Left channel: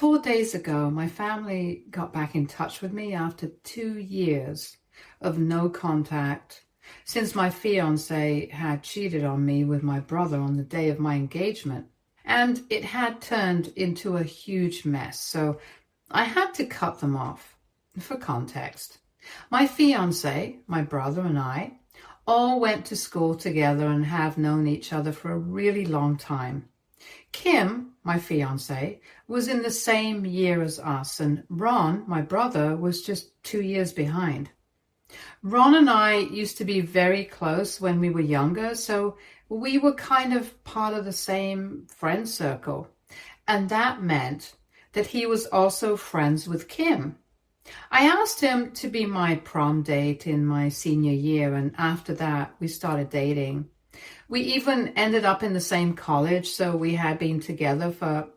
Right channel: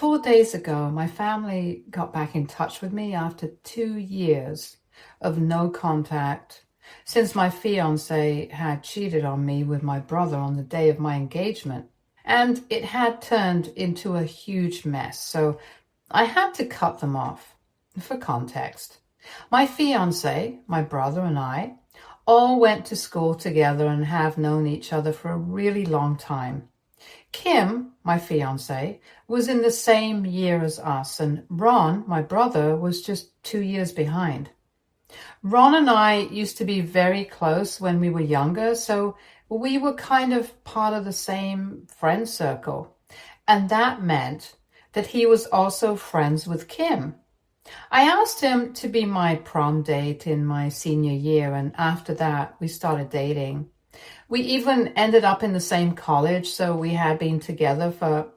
4 days ago, my family got back in touch with me after 2 years of no contact since my fiance had cheated on me with my brother on the day of my engagement. And it had turned into a huge mess, so I had to cut them off. For context, my fiance, my brother, and I all went to school together and have known each other for a really long time. Kim, my fiance, was in the same year as us, and Ron, my brother, was just 2 years behind. Ron and I used to be very close when we were younger, so we were kind of part of the same friend circle. And that meant that he was also friends with Kim. I asked him to be my prom date in my senior year, and after that, we started dating. We even ended up in the same college, so we had been together for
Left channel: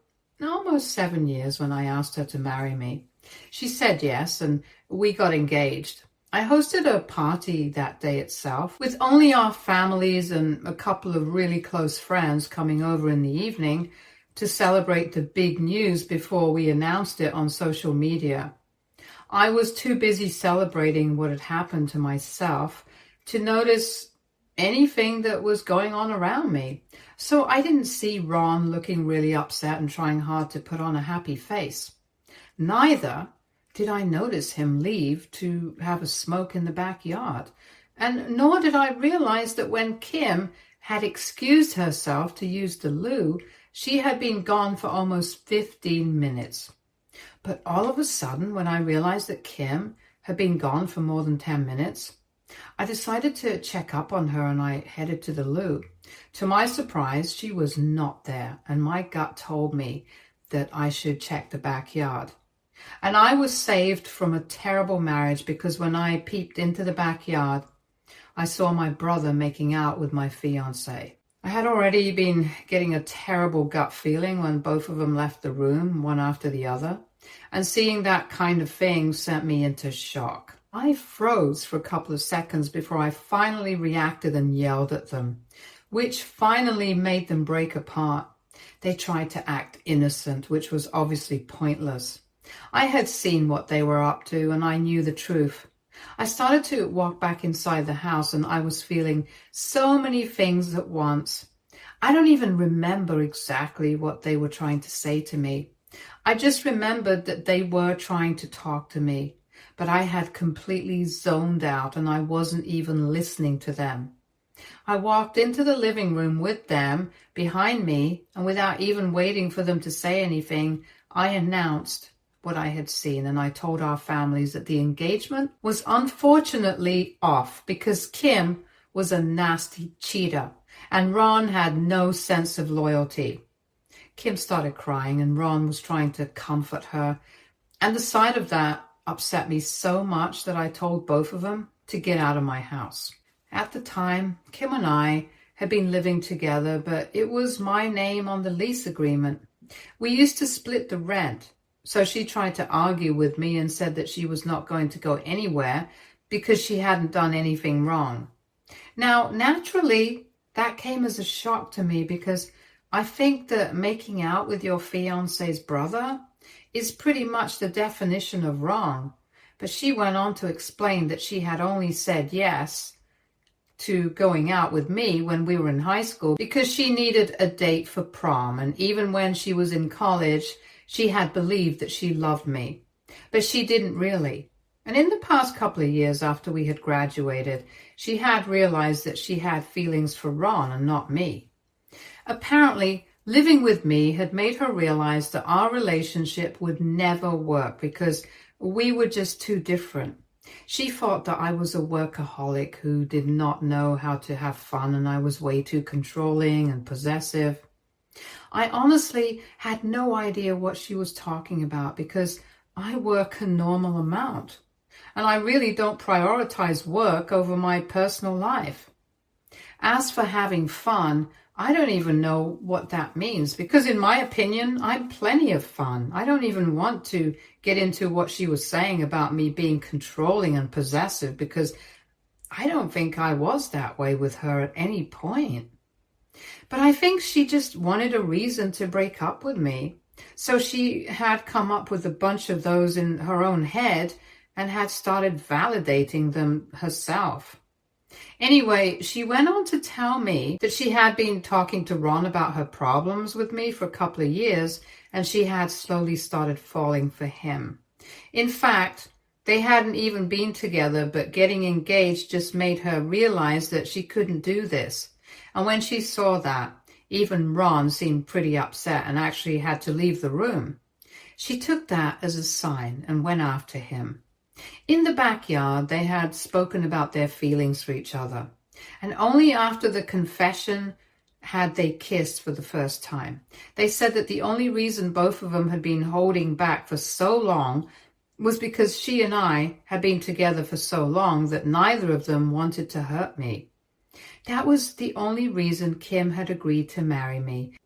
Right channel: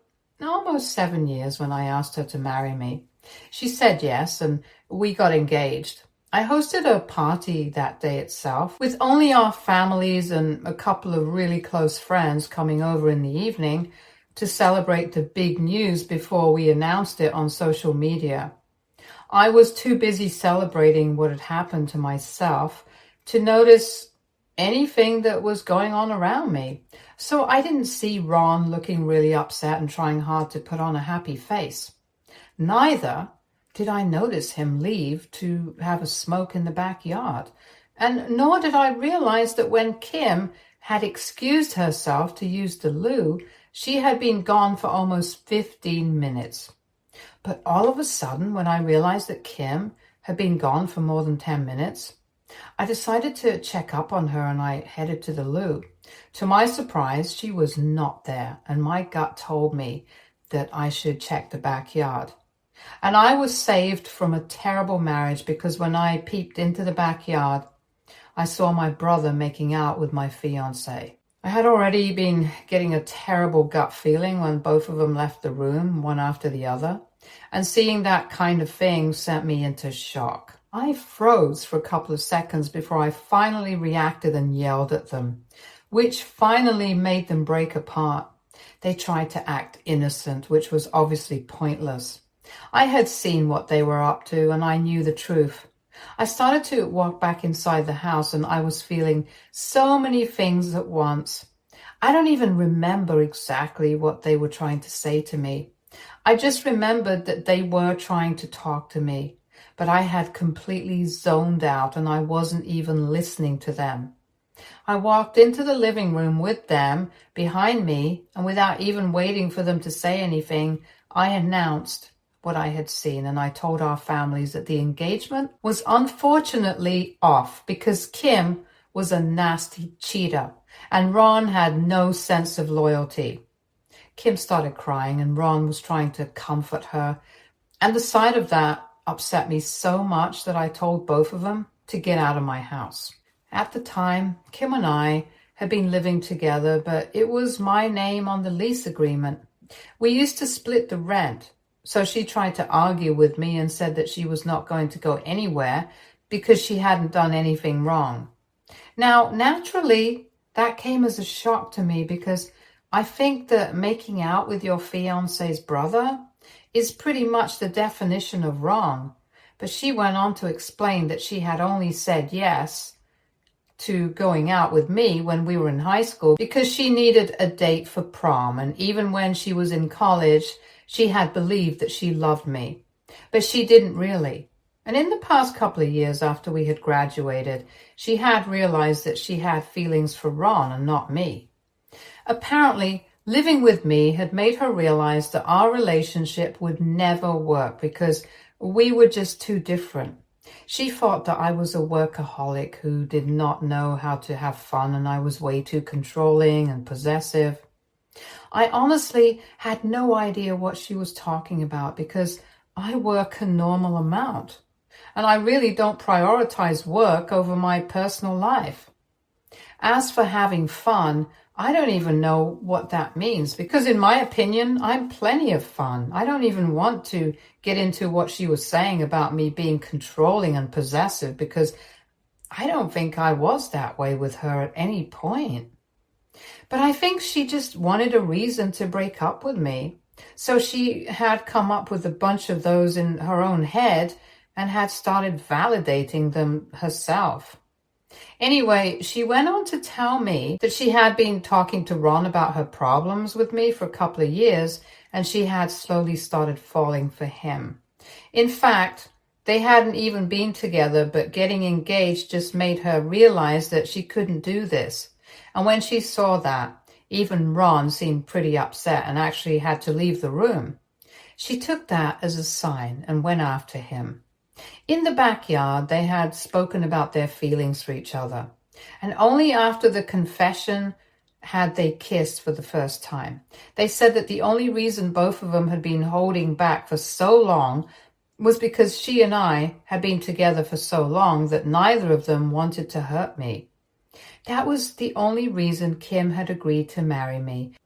almost 7 years when I asked her to marry me. She said yes, and we got engaged. I hosted a party that day itself, with only our families and a couple of really close friends coming over in the evening to celebrate the big news before we announced it on social media. I was too busy celebrating what had happened to myself to notice anything that was going on around me. So I didn't see Ron looking really upset and trying hard to put on a happy face. Neither did I notice him leave to have a smoke in the backyard. And nor did I realize that when Kim had excused herself to use the loo, she had been gone for almost 15 minutes. But all of a sudden, when I realized that Kim had been gone for more than 10 minutes, I decided to check up on her and I headed to the loo. To my surprise, she was not there, and my gut told me that I should check the backyard. And I was saved from a terrible marriage because when I peeped into the backyard, I saw my brother making out with my fiance. I had already been getting a terrible gut feeling when both of them left the room, one after the other. And seeing that kind of thing sent me into shock. I froze for a couple of seconds before I finally reacted and yelled at them, which finally made them break apart. They tried to act innocent, which was obviously pointless. I had seen what they were up to and I knew the truth. I started to walk back inside the house and I was feeling so many things at once. I don't even remember exactly what they were trying to say to me. I just remembered that they were trying to talk to me, but I had completely zoned out and I wasn't even listening to them. I walked into the living room with them behind me, and without even waiting for them to say anything, I announced what I had seen, and I told our families that the engagement was unfortunately off because Kim was a nasty cheater and Ron had no sense of loyalty. Kim started crying and Ron was trying to comfort her, and the sight of that upset me so much that I told both of them to get out of my house. At the time, Kim and I had been living together, but it was my name on the lease agreement. We used to split the rent, so she tried to argue with me and said that she was not going to go anywhere because she hadn't done anything wrong. Now, naturally, that came as a shock to me because I think that making out with your fiance's brother is pretty much the definition of wrong. But she went on to explain that she had only said yes to going out with me when we were in high school because she needed a date for prom. And even when she was in college, she had believed that she loved me. But she didn't really. And in the past couple of years after we had graduated, she had realized that she had feelings for Ron and not me. Apparently, living with me had made her realize that our relationship would never work because we were just too different. She thought that I was a workaholic who did not know how to have fun and I was way too controlling and possessive. I honestly had no idea what she was talking about because I work a normal amount and I really don't prioritize work over my personal life. As for having fun, I don't even know what that means because in my opinion, I'm plenty of fun. I don't even want to get into what she was saying about me being controlling and possessive because I don't think I was that way with her at any point. But I think she just wanted a reason to break up with me. So she had come up with a bunch of those in her own head and had started validating them herself. Anyway, she went on to tell me that she had been talking to Ron about her problems with me for a couple of years, and she had slowly started falling for him. In fact, they hadn't even been together, but getting engaged just made her realize that she couldn't do this. And when she saw that, even Ron seemed pretty upset and actually had to leave the room. She took that as a sign and went after him. In the backyard, they had spoken about their feelings for each other. And only after the confession had they kissed for the first time. They said that the only reason both of them had been holding back for so long was because she and I had been together for so long that neither of them wanted to hurt me. That was the only reason Kim had agreed to marry me,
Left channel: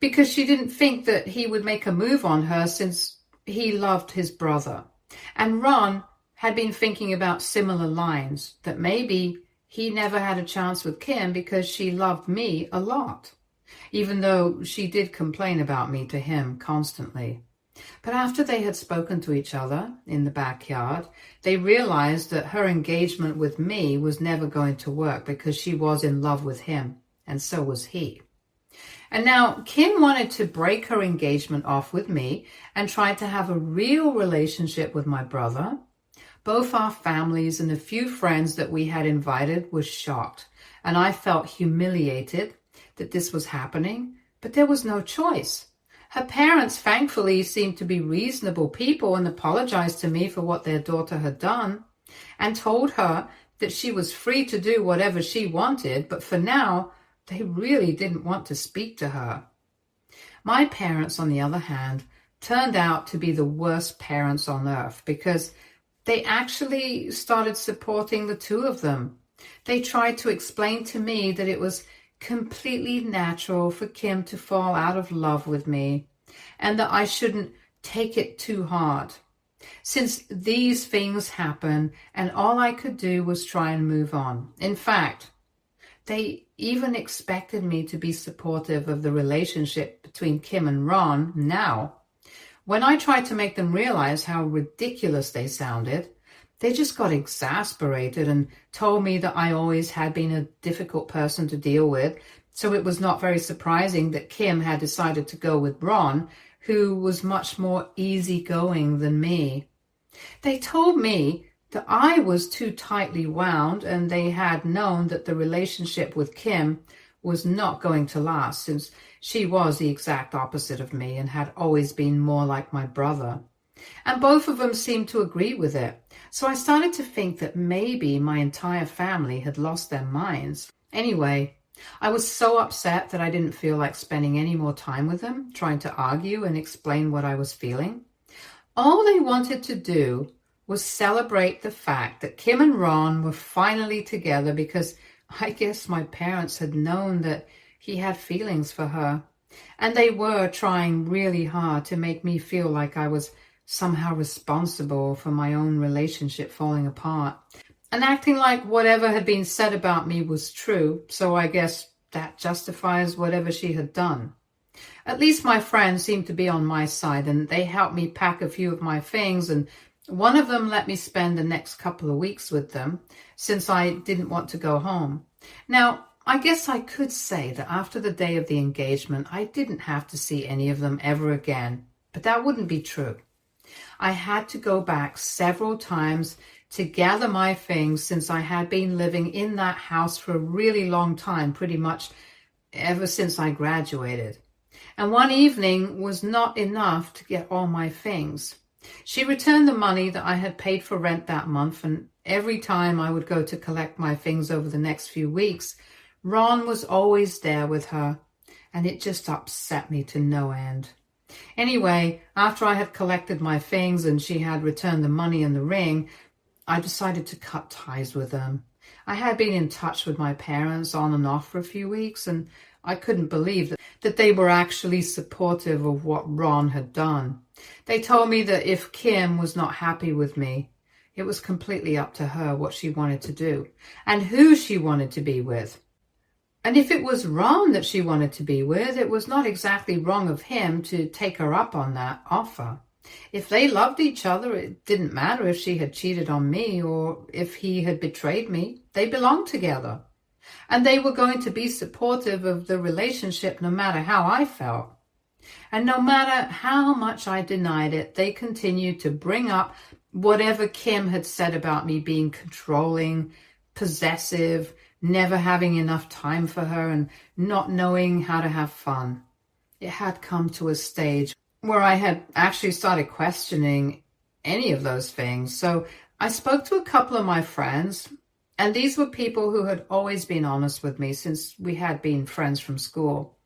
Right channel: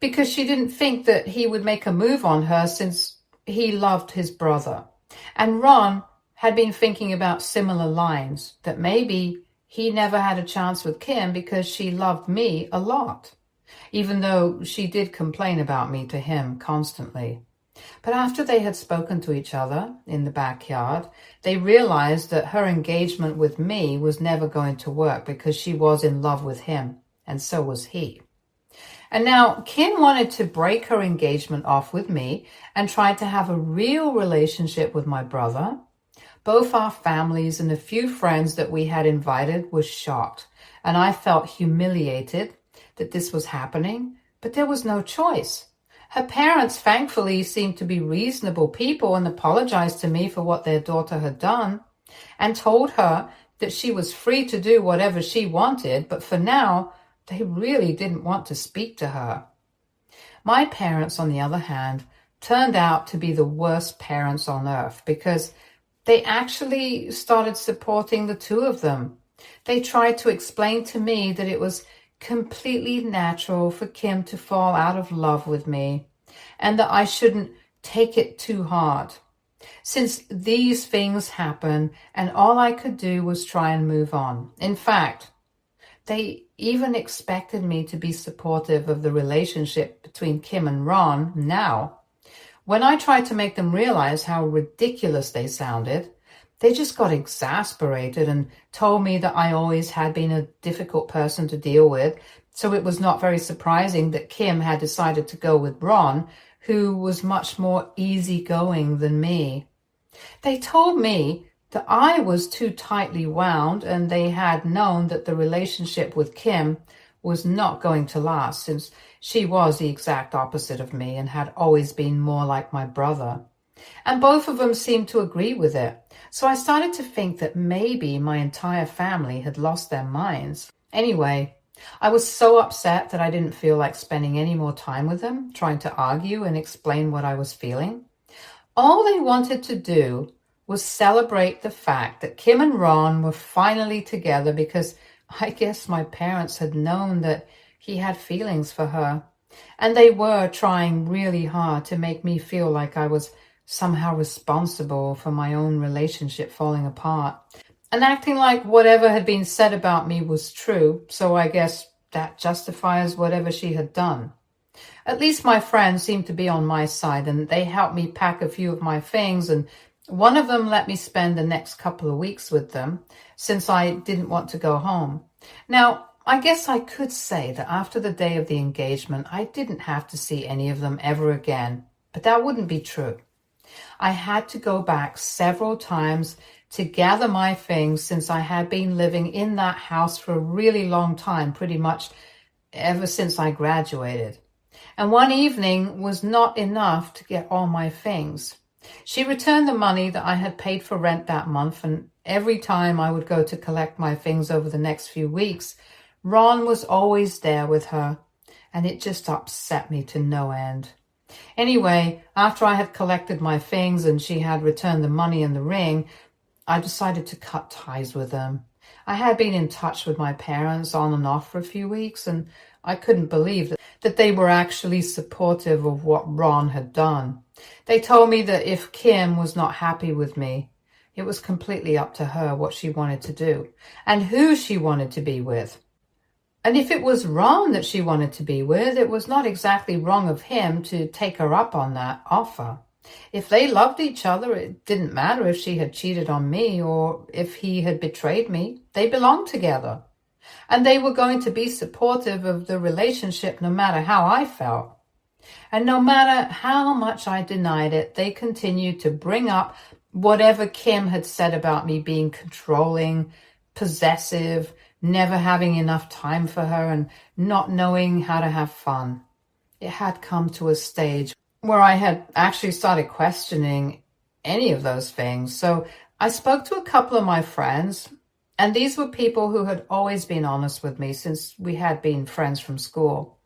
because she didn't think that he would make a move on her since he loved his brother. And Ron had been thinking about similar lines, that maybe he never had a chance with Kim because she loved me a lot, even though she did complain about me to him constantly. But after they had spoken to each other in the backyard, they realized that her engagement with me was never going to work because she was in love with him, and so was he. And now Kim wanted to break her engagement off with me and tried to have a real relationship with my brother. Both our families and a few friends that we had invited were shocked, and I felt humiliated that this was happening, but there was no choice. Her parents, thankfully, seemed to be reasonable people and apologized to me for what their daughter had done and told her that she was free to do whatever she wanted, but for now, they really didn't want to speak to her. My parents, on the other hand, turned out to be the worst parents on earth because they actually started supporting the two of them. They tried to explain to me that it was completely natural for Kim to fall out of love with me and that I shouldn't take it too hard, since these things happen and all I could do was try and move on. In fact, they even expected me to be supportive of the relationship between Kim and Ron now. When I tried to make them realize how ridiculous they sounded, they just got exasperated and told me that I always had been a difficult person to deal with, so it was not very surprising that Kim had decided to go with Ron, who was much more easygoing than me. They told me that I was too tightly wound, and they had known that the relationship with Kim was not going to last, since she was the exact opposite of me and had always been more like my brother. And both of them seemed to agree with it. So I started to think that maybe my entire family had lost their minds. Anyway, I was so upset that I didn't feel like spending any more time with them, trying to argue and explain what I was feeling. All they wanted to do was celebrate the fact that Kim and Ron were finally together, because I guess my parents had known that he had feelings for her. And they were trying really hard to make me feel like I was somehow responsible for my own relationship falling apart, and acting like whatever had been said about me was true, so I guess that justifies whatever she had done. At least my friends seemed to be on my side, and they helped me pack a few of my things, and one of them let me spend the next couple of weeks with them, since I didn't want to go home. Now, I guess I could say that after the day of the engagement, I didn't have to see any of them ever again, but that wouldn't be true. I had to go back several times to gather my things, since I had been living in that house for a really long time, pretty much ever since I graduated. And one evening was not enough to get all my things. She returned the money that I had paid for rent that month, and every time I would go to collect my things over the next few weeks, Ron was always there with her, and it just upset me to no end. Anyway, after I had collected my things and she had returned the money and the ring, I decided to cut ties with them. I had been in touch with my parents on and off for a few weeks, and I couldn't believe that they were actually supportive of what Ron had done. They told me that if Kim was not happy with me, it was completely up to her what she wanted to do and who she wanted to be with. And if it was Ron that she wanted to be with, it was not exactly wrong of him to take her up on that offer. If they loved each other, it didn't matter if she had cheated on me or if he had betrayed me. They belonged together. And they were going to be supportive of the relationship no matter how I felt. And no matter how much I denied it, they continued to bring up whatever Kim had said about me being controlling, possessive, never having enough time for her, and not knowing how to have fun. It had come to a stage where I had actually started questioning any of those things. So I spoke to a couple of my friends, and these were people who had always been honest with me since we had been friends from school.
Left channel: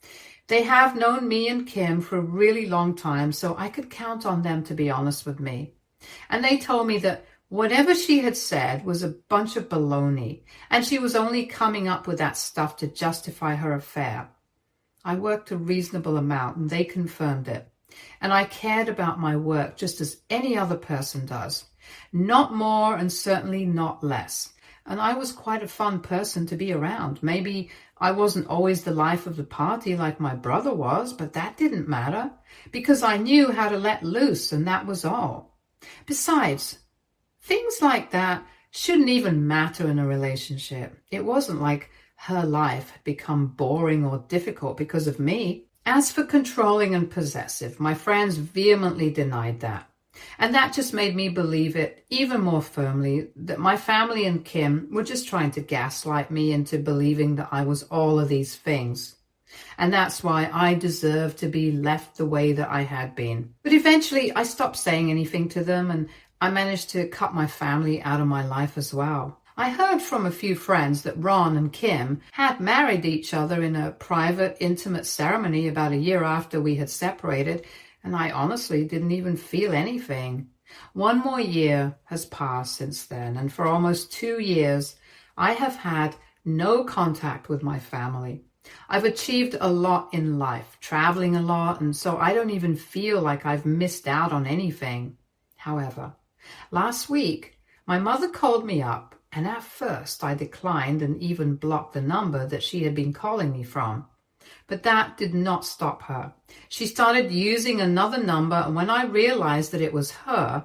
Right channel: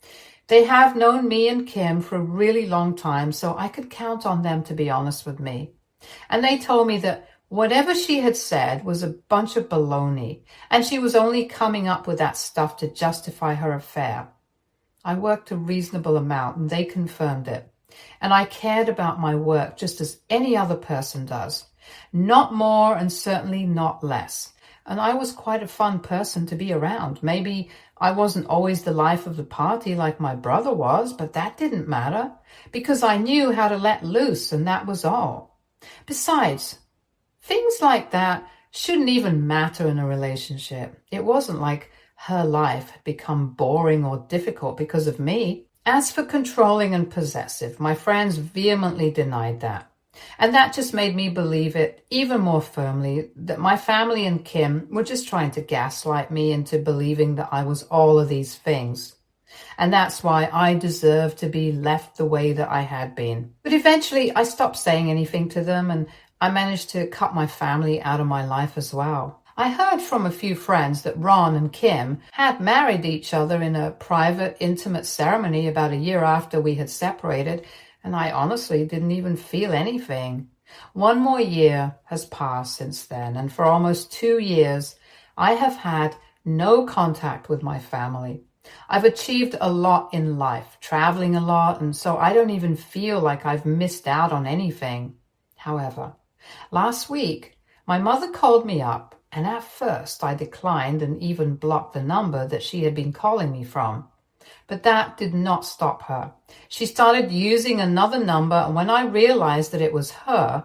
They have known me and Kim for a really long time, so I could count on them to be honest with me. And they told me that whatever she had said was a bunch of baloney, and she was only coming up with that stuff to justify her affair. I worked a reasonable amount, and they confirmed it. And I cared about my work just as any other person does. Not more and certainly not less. And I was quite a fun person to be around. Maybe I wasn't always the life of the party like my brother was, but that didn't matter because I knew how to let loose, and that was all. Besides, things like that shouldn't even matter in a relationship. It wasn't like her life had become boring or difficult because of me. As for controlling and possessive, my friends vehemently denied that. And that just made me believe it even more firmly that my family and Kim were just trying to gaslight me into believing that I was all of these things. And that's why I deserved to be left the way that I had been. But eventually I stopped saying anything to them, and I managed to cut my family out of my life as well. I heard from a few friends that Ron and Kim had married each other in a private, intimate ceremony about a year after we had separated, and I honestly didn't even feel anything. 1 more year has passed since then, and for almost 2 years, I have had no contact with my family. I've achieved a lot in life, traveling a lot, and so I don't even feel like I've missed out on anything. However, last week, my mother called me up, and at first I declined and even blocked the number that she had been calling me from. But that did not stop her. She started using another number, and when I realized that it was her,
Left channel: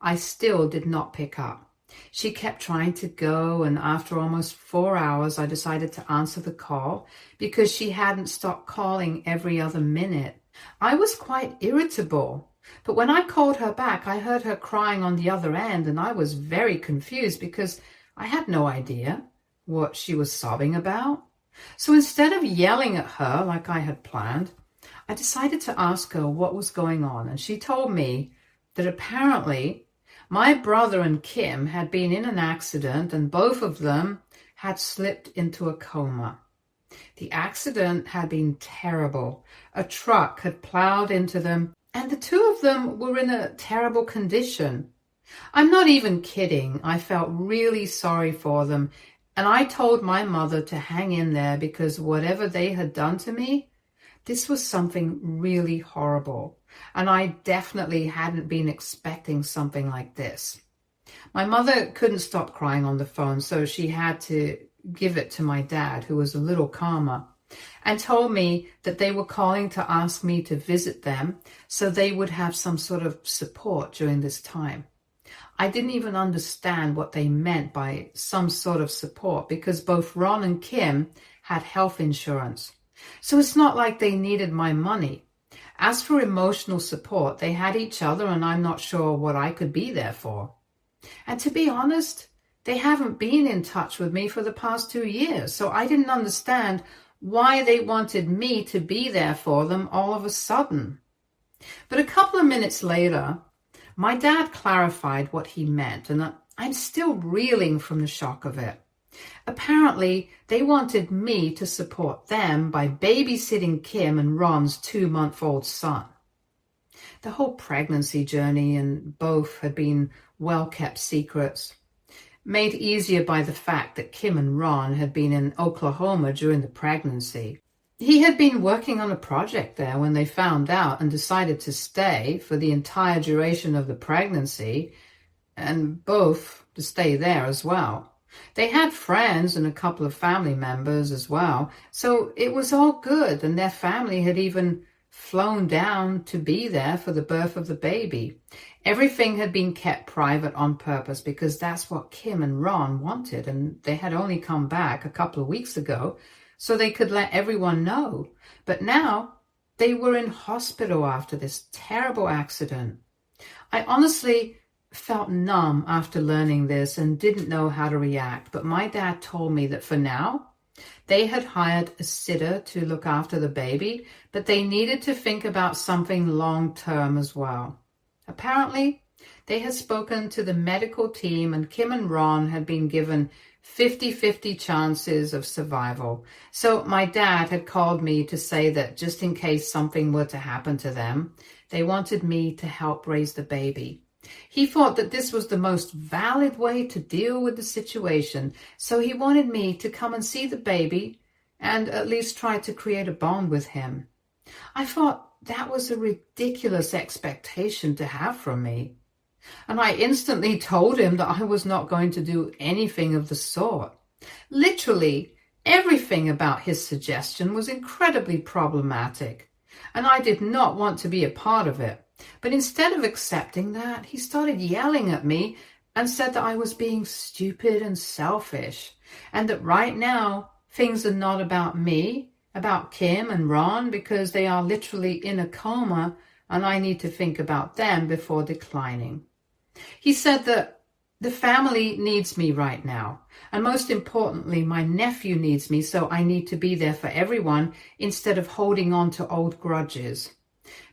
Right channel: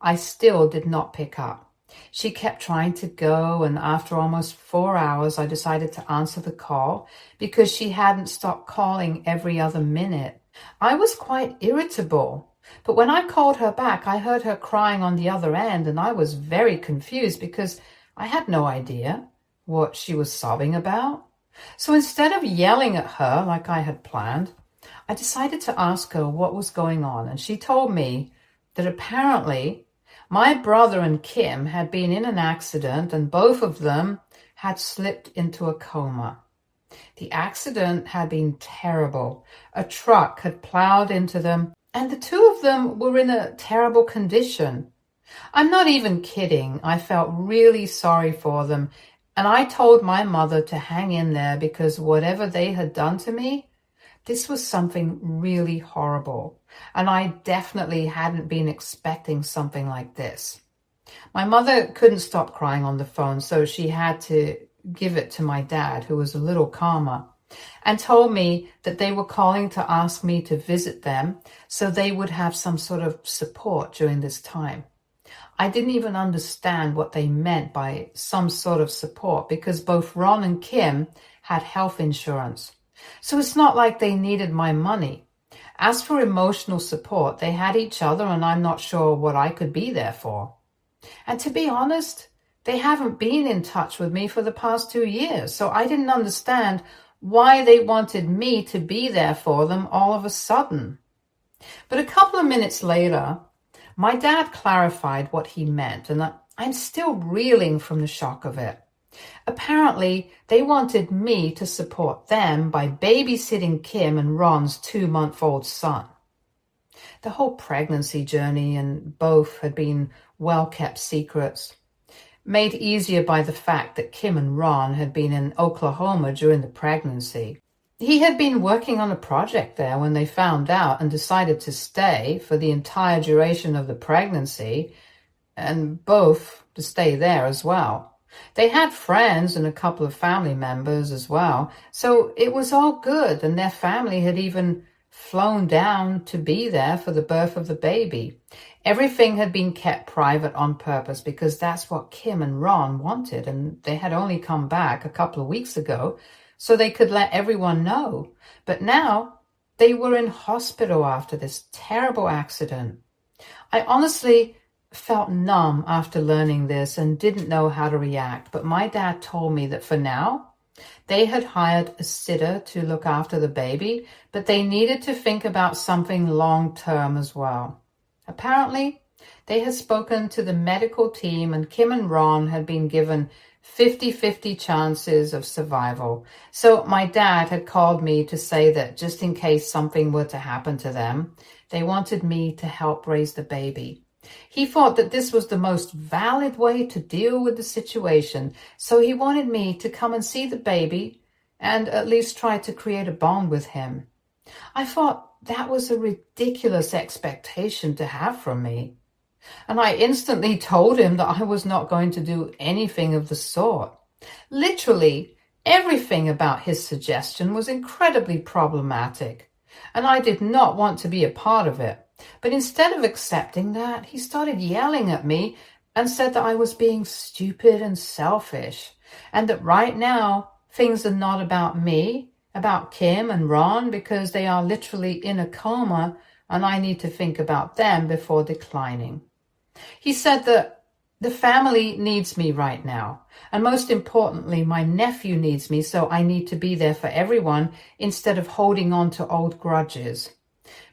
I still did not pick up. She kept trying to go, and after almost 4 hours, I decided to answer the call because she hadn't stopped calling every other minute. I was quite irritable, but when I called her back, I heard her crying on the other end, and I was very confused because I had no idea what she was sobbing about. So instead of yelling at her like I had planned, I decided to ask her what was going on, and she told me that apparently my brother and Kim had been in an accident and both of them had slipped into a coma. The accident had been terrible. A truck had plowed into them, and the two of them were in a terrible condition. I'm not even kidding. I felt really sorry for them, and I told my mother to hang in there because whatever they had done to me, this was something really horrible, and I definitely hadn't been expecting something like this. My mother couldn't stop crying on the phone, so she had to give it to my dad, who was a little calmer, and told me that they were calling to ask me to visit them so they would have some sort of support during this time. I didn't even understand what they meant by some sort of support because both Ron and Kim had health insurance. So it's not like they needed my money. As for emotional support, they had each other, and I'm not sure what I could be there for. And to be honest, they haven't been in touch with me for the past 2 years, so I didn't understand why they wanted me to be there for them all of a sudden. But a couple of minutes later, my dad clarified what he meant, and I'm still reeling from the shock of it. Apparently, they wanted me to support them by babysitting Kim and Ron's 2-month-old son. The whole pregnancy journey and both had been well-kept secrets, made easier by the fact that Kim and Ron had been in Oklahoma during the pregnancy. He had been working on a project there when they found out and decided to stay for the entire duration of the pregnancy, and both to stay there as well. They had friends and a couple of family members as well, so it was all good, and their family had even flown down to be there for the birth of the baby. Everything had been kept private on purpose because that's what Kim and Ron wanted, and they had only come back a couple of weeks ago so they could let everyone know. But now they were in hospital after this terrible accident. I honestly felt numb after learning this and didn't know how to react, but my dad told me that for now, they had hired a sitter to look after the baby, but they needed to think about something long-term as well. Apparently, they had spoken to the medical team and Kim and Ron had been given 50-50 chances of survival. So my dad had called me to say that just in case something were to happen to them, they wanted me to help raise the baby. He thought that this was the most valid way to deal with the situation, so he wanted me to come and see the baby and at least try to create a bond with him. I thought that was a ridiculous expectation to have from me. And I instantly told him that I was not going to do anything of the sort. Literally, everything about his suggestion was incredibly problematic, and I did not want to be a part of it. But instead of accepting that, he started yelling at me and said that I was being stupid and selfish, and that right now things are not about me, about Kim and Ron, because they are literally in a coma and I need to think about them before declining. He said that the family needs me right now, and most importantly, my nephew needs me, so I need to be there for everyone instead of holding on to old grudges.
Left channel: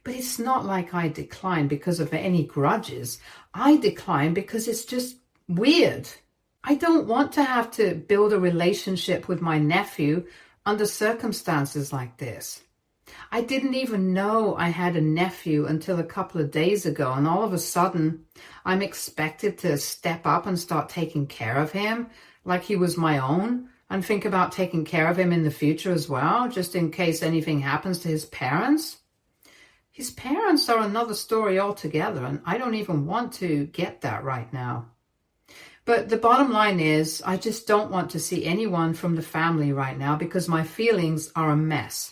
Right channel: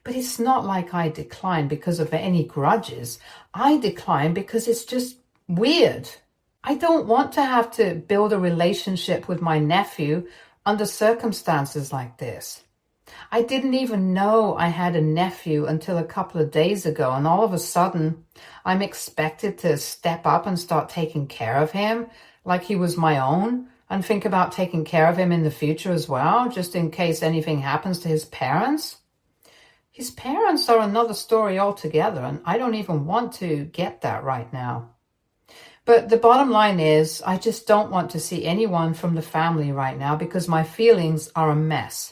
But it's not like I decline because of any grudges. I decline because it's just weird. I don't want to have to build a relationship with my nephew under circumstances like this. I didn't even know I had a nephew until a couple of days ago, and all of a sudden, I'm expected to step up and start taking care of him like he was my own, and think about taking care of him in the future as well, just in case anything happens to his parents. His parents are another story altogether, and I don't even want to get that right now. But the bottom line is, I just don't want to see anyone from the family right now because my feelings are a mess.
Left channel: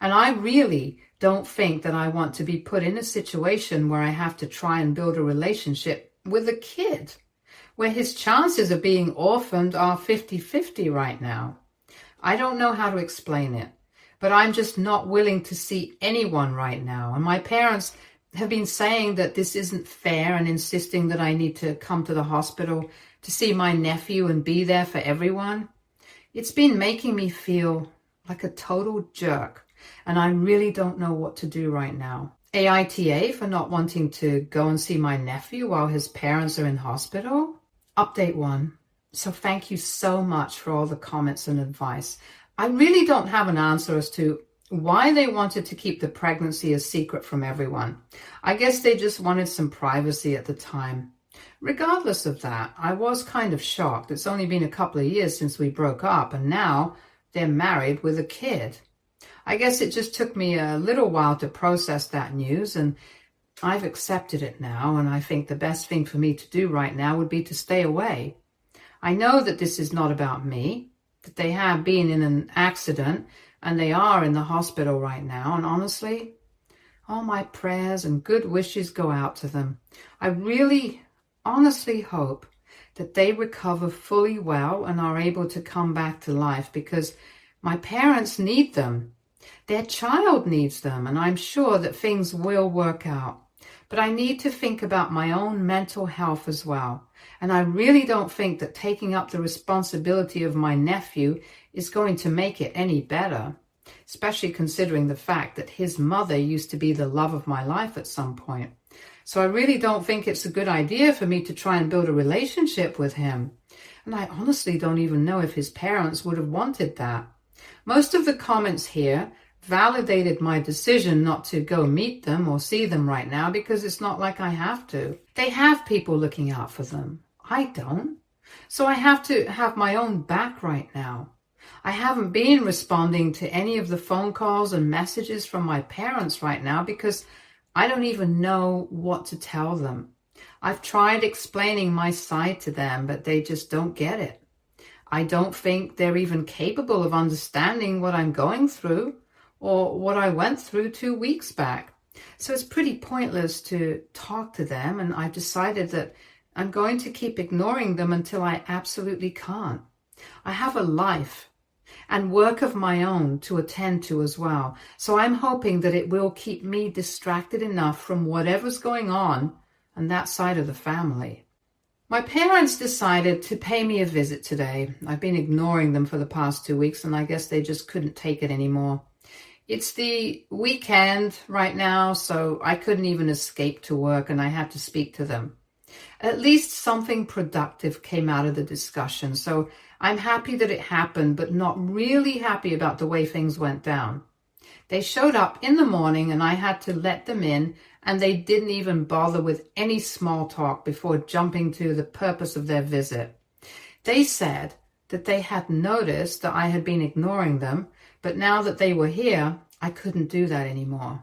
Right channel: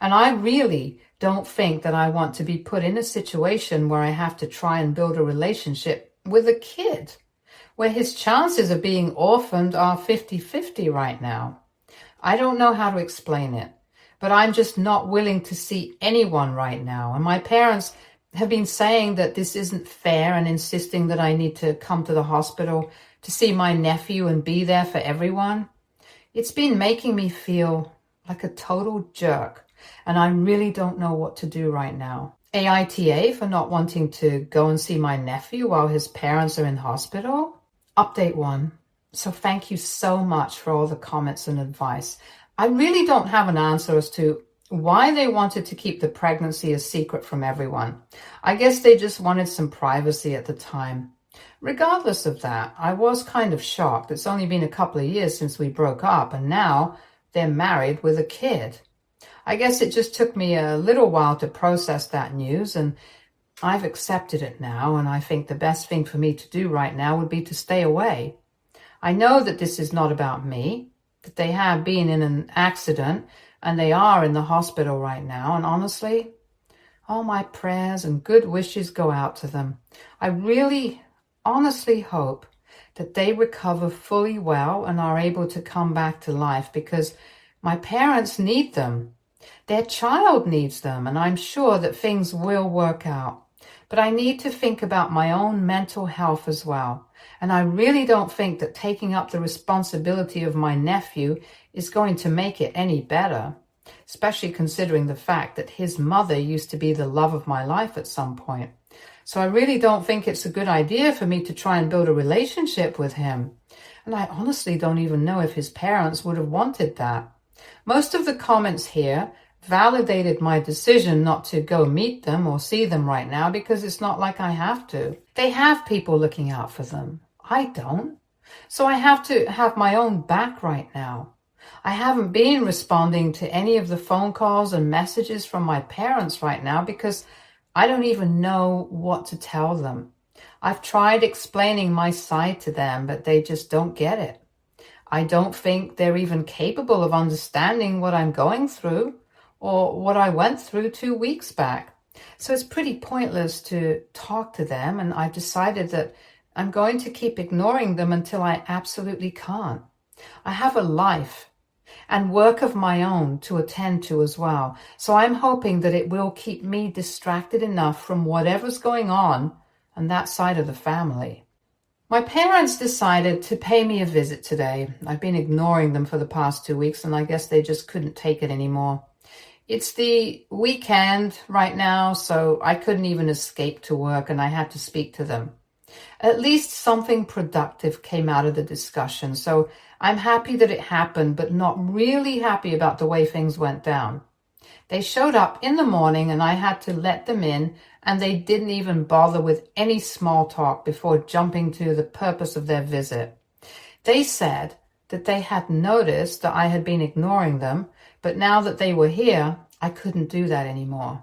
And I really don't think that I want to be put in a situation where I have to try and build a relationship with a kid, where his chances of being orphaned are 50-50 right now. I don't know how to explain it, but I'm just not willing to see anyone right now. And my parents have been saying that this isn't fair and insisting that I need to come to the hospital to see my nephew and be there for everyone. It's been making me feel like a total jerk, and I really don't know what to do right now. AITA for not wanting to go and see my nephew while his parents are in hospital. Update 1. So thank you so much for all the comments and advice. I really don't have an answer as to why they wanted to keep the pregnancy a secret from everyone. I guess they just wanted some privacy at the time. Regardless of that, I was kind of shocked. It's only been a couple of years since we broke up, and now they're married with a kid. I guess it just took me a little while to process that news, and I've accepted it now, and I think the best thing for me to do right now would be to stay away. I know that this is not about me, that they have been in an accident, and they are in the hospital right now, and honestly, all my prayers and good wishes go out to them. I really, honestly hope that they recover fully well and are able to come back to life, because my parents need them. Their child needs them, and I'm sure that things will work out. But I need to think about my own mental health as well. And I really don't think that taking up the responsibility of my nephew is going to make it any better, especially considering the fact that his mother used to be the love of my life at some point. So I really don't think it's a good idea for me to try and build a relationship with him. And I honestly don't even know if his parents would have wanted that. Most of the comments here validated my decision not to go meet them or see them right now, because it's not like I have to. They have people looking out for them. I don't. So I have to have my own back right now. I haven't been responding to any of the phone calls and messages from my parents right now because I don't even know what to tell them. I've tried explaining my side to them, but they just don't get it. I don't think they're even capable of understanding what I'm going through or what I went through 2 weeks back. So it's pretty pointless to talk to them, and I've decided that I'm going to keep ignoring them until I absolutely can't. I have a life and work of my own to attend to as well. So I'm hoping that it will keep me distracted enough from whatever's going on that side of the family. My parents decided to pay me a visit today. I've been ignoring them for the past 2 weeks, and I guess they just couldn't take it anymore. It's the weekend right now, so I couldn't even escape to work, and I had to speak to them. At least something productive came out of the discussion, so I'm happy that it happened, but not really happy about the way things went down. They showed up in the morning, and I had to let them in, and they didn't even bother with any small talk before jumping to the purpose of their visit. They said that they had noticed that I had been ignoring them, but now that they were here, I couldn't do that anymore.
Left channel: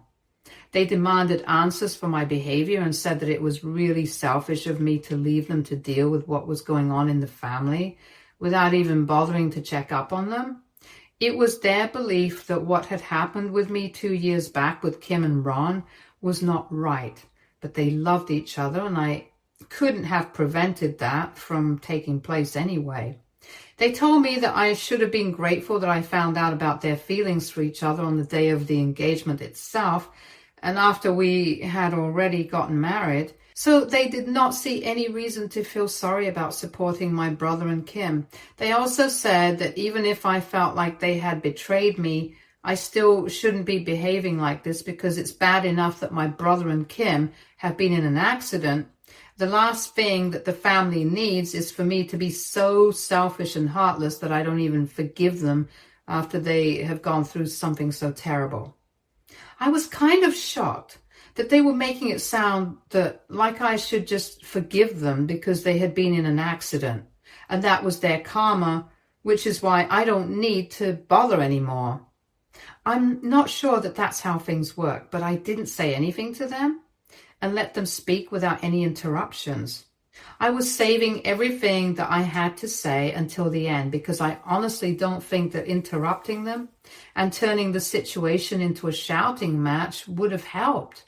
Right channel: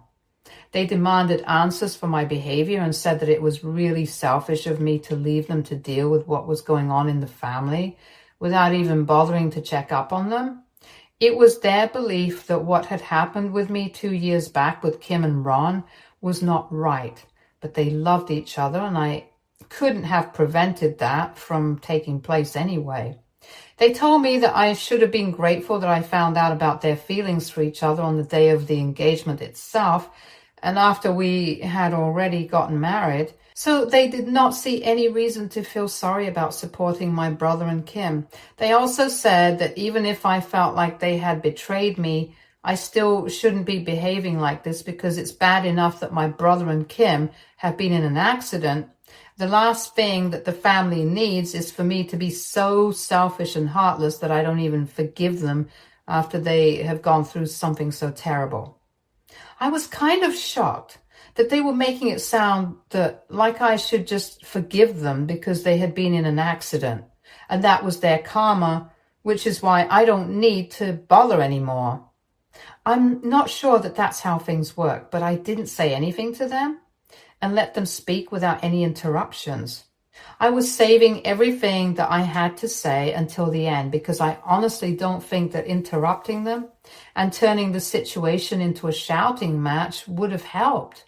They demanded answers for my behavior and said that it was really selfish of me to leave them to deal with what was going on in the family without even bothering to check up on them. It was their belief that what had happened with me 2 years back with Kim and Ron was not right, but they loved each other, and I couldn't have prevented that from taking place anyway. They told me that I should have been grateful that I found out about their feelings for each other on the day of the engagement itself, and after we had already gotten married. So they did not see any reason to feel sorry about supporting my brother and Kim. They also said that even if I felt like they had betrayed me, I still shouldn't be behaving like this because it's bad enough that my brother and Kim have been in an accident. The last thing that the family needs is for me to be so selfish and heartless that I don't even forgive them after they have gone through something so terrible. I was kind of shocked that they were making it sound that like I should just forgive them because they had been in an accident, and that was their karma, which is why I don't need to bother anymore. I'm not sure that that's how things work, but I didn't say anything to them and let them speak without any interruptions. I was saving everything that I had to say until the end because I honestly don't think that interrupting them and turning the situation into a shouting match would have helped.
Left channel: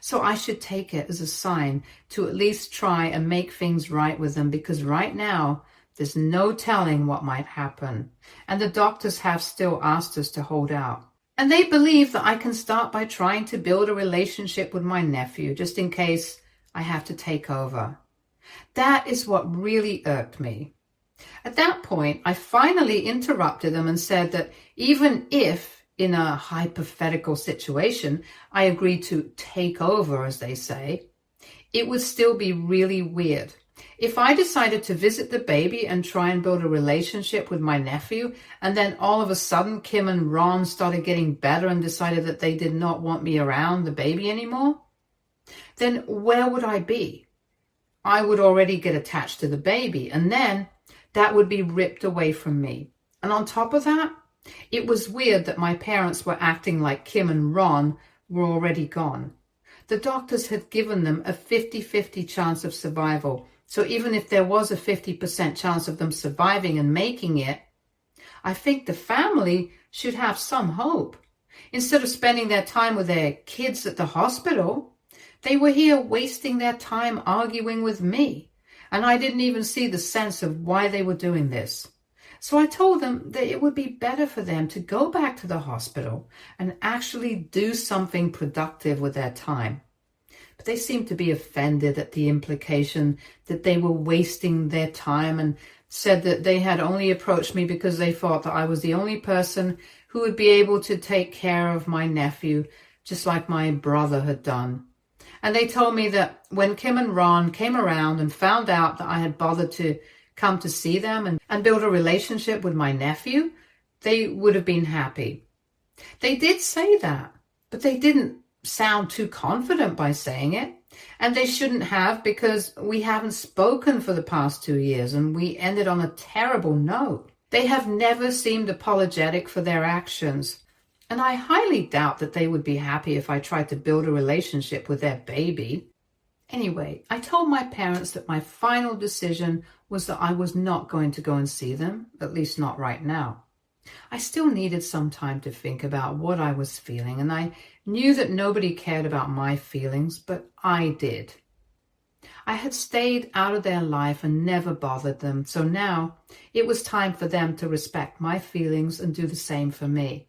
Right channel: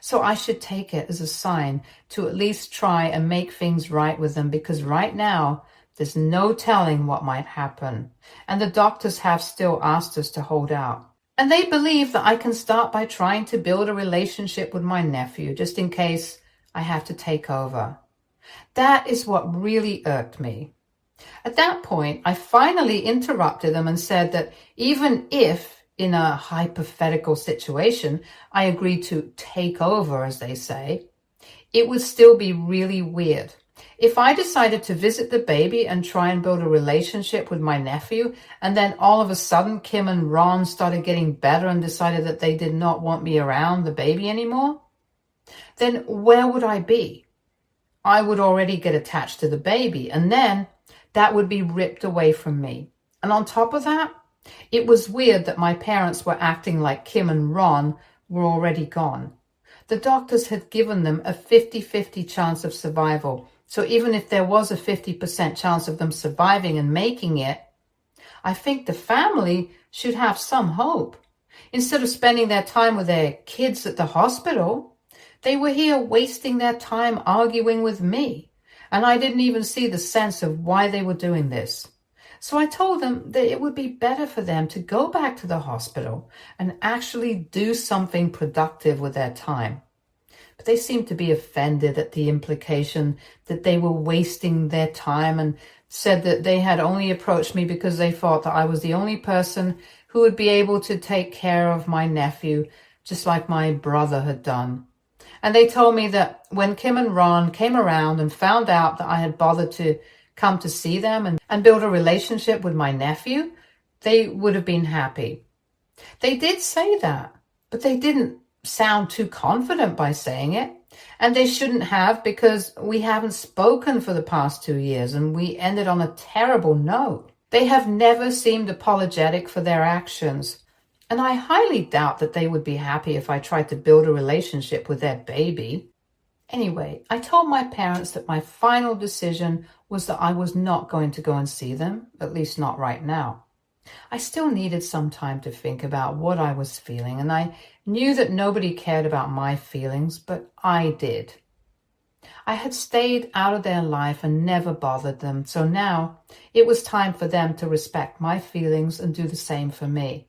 So I should take it as a sign to at least try and make things right with them, because right now there's no telling what might happen. And the doctors have still asked us to hold out. And they believe that I can start by trying to build a relationship with my nephew, just in case I have to take over. That is what really irked me. At that point, I finally interrupted them and said that even if, in a hypothetical situation, I agreed to take over, as they say, it would still be really weird. If I decided to visit the baby and try and build a relationship with my nephew, and then all of a sudden Kim and Ron started getting better and decided that they did not want me around the baby anymore, then where would I be? I would already get attached to the baby, and then that would be ripped away from me. And on top of that, it was weird that my parents were acting like Kim and Ron were already gone. The doctors had given them a 50-50 chance of survival. So even if there was a 50% chance of them surviving and making it, I think the family should have some hope. Instead of spending their time with their kids at the hospital, they were here wasting their time arguing with me. And I didn't even see the sense of why they were doing this. So I told them that it would be better for them to go back to the hospital and actually do something productive with their time. But they seemed to be offended at the implication that they were wasting their time, and said that they had only approached me because they thought that I was the only person who would be able to take care of my nephew, just like my brother had done. And they told me that when Kim and Ron came around and found out that I had bothered to come to see them and build a relationship with my nephew, they would have been happy. They did say that, but they didn't sound too confident by saying it. And they shouldn't have, because we haven't spoken for the past 2 years and we ended on a terrible note. They have never seemed apologetic for their actions. And I highly doubt that they would be happy if I tried to build a relationship with their baby. Anyway, I told my parents that my final decision was that I was not going to go and see them, at least not right now. I still needed some time to think about what I was feeling, and I knew that nobody cared about my feelings, but I did. I had stayed out of their life and never bothered them, so now it was time for them to respect my feelings and do the same for me.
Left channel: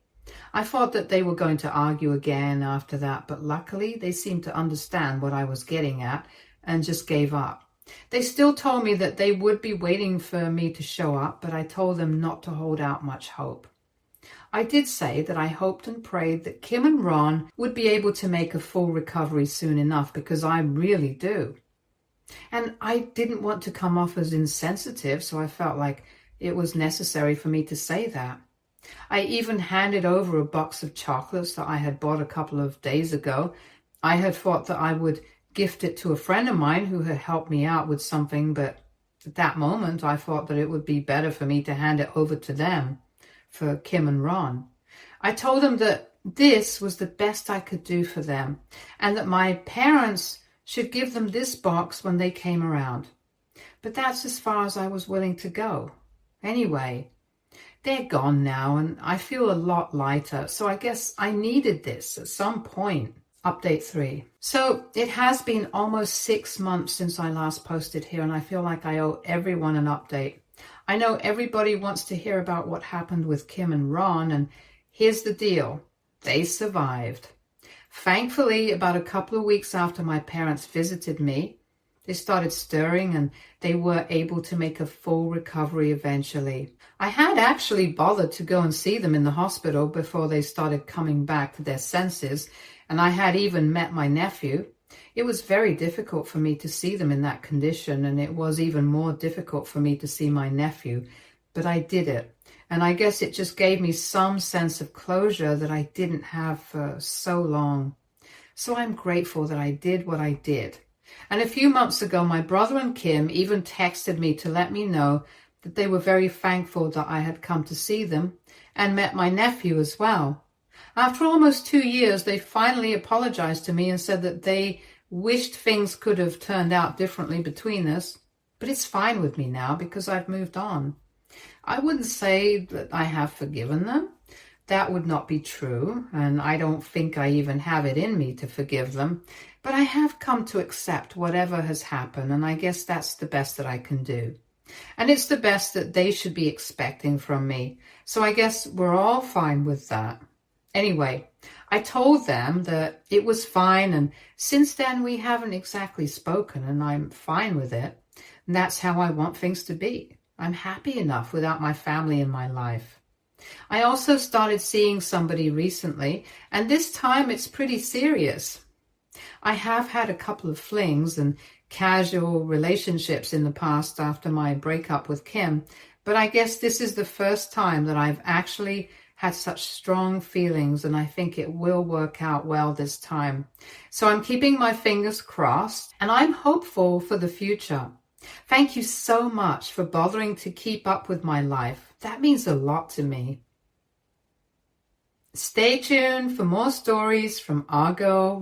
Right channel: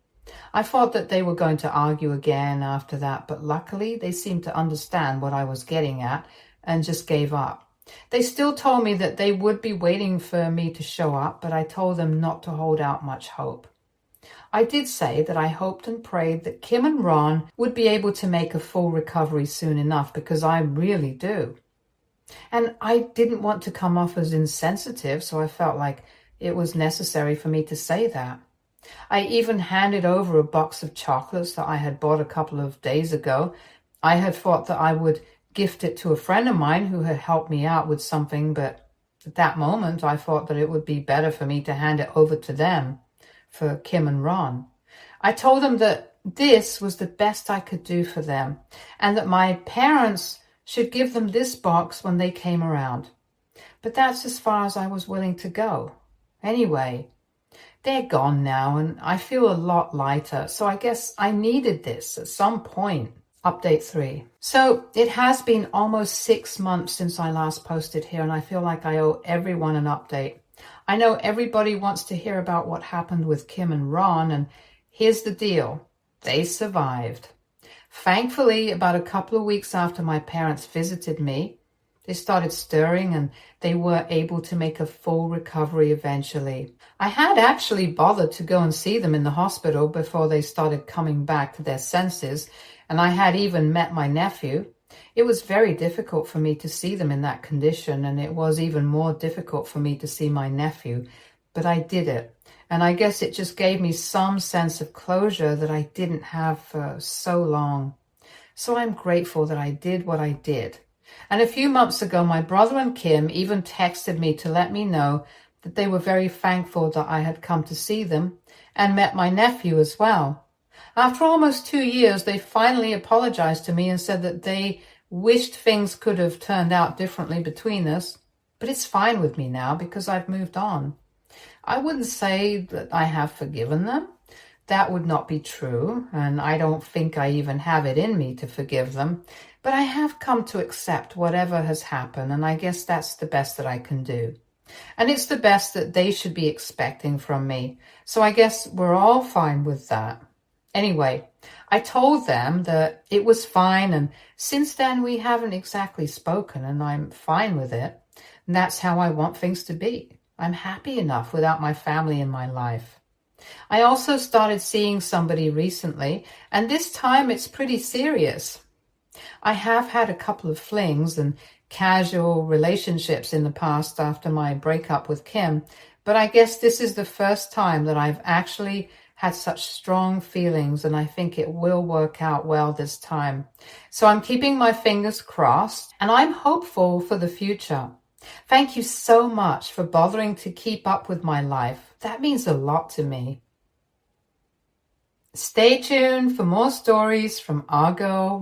I thought that they were going to argue again after that, but luckily they seemed to understand what I was getting at and just gave up. They still told me that they would be waiting for me to show up, but I told them not to hold out much hope. I did say that I hoped and prayed that Kim and Ron would be able to make a full recovery soon enough, because I really do. And I didn't want to come off as insensitive, so I felt like it was necessary for me to say that. I even handed over a box of chocolates that I had bought a couple of days ago. I had thought that I would gift it to a friend of mine who had helped me out with something, but at that moment I thought that it would be better for me to hand it over to them, for Kim and Ron. I told them that this was the best I could do for them, and that my parents should give them this box when they came around. But that's as far as I was willing to go. Anyway, they're gone now, and I feel a lot lighter, so I guess I needed this at some point. Update 3. So it has been almost 6 months since I last posted here, and I feel like I owe everyone an update. I know everybody wants to hear about what happened with Kim and Ron, and here's the deal. They survived. Thankfully, about a couple of weeks after my parents visited me, they started stirring and they were able to make a full recovery eventually. I had actually bothered to go and see them in the hospital before they started coming back to their senses, and I had even met my nephew. It was very difficult for me to see them in that condition, and it was even more difficult for me to see my nephew, but I did it. And I guess it just gave me some sense of closure that I didn't have for so long. So I'm grateful that I did what I did. And a few months ago, my brother and Kim even texted me to let me know that they were very thankful that I had come to see them and met my nephew as well. After almost 2 years, they finally apologized to me and said that they wished things could have turned out differently between us. But it's fine with me now because I've moved on. I wouldn't say that I have forgiven them. That would not be true, and I don't think I even have it in me to forgive them. But I have come to accept whatever has happened, and I guess that's the best that I can do. And it's the best that they should be expecting from me. So I guess we're all fine with that. Anyway, I told them that it was fine, and since then we haven't exactly spoken, and I'm fine with it. And that's how I want things to be. I'm happy enough without my family in my life. I also started seeing somebody recently, and this time it's pretty serious. I have had a couple of flings and casual relationships in the past after my breakup with Kim, but I guess this is the first time that I've actually had such strong feelings, and I think it will work out well this time. So I'm keeping my fingers crossed, and I'm hopeful for the future. Thank you so much for bothering to keep up with my life. That means a lot to me. Stay tuned for more stories from our girl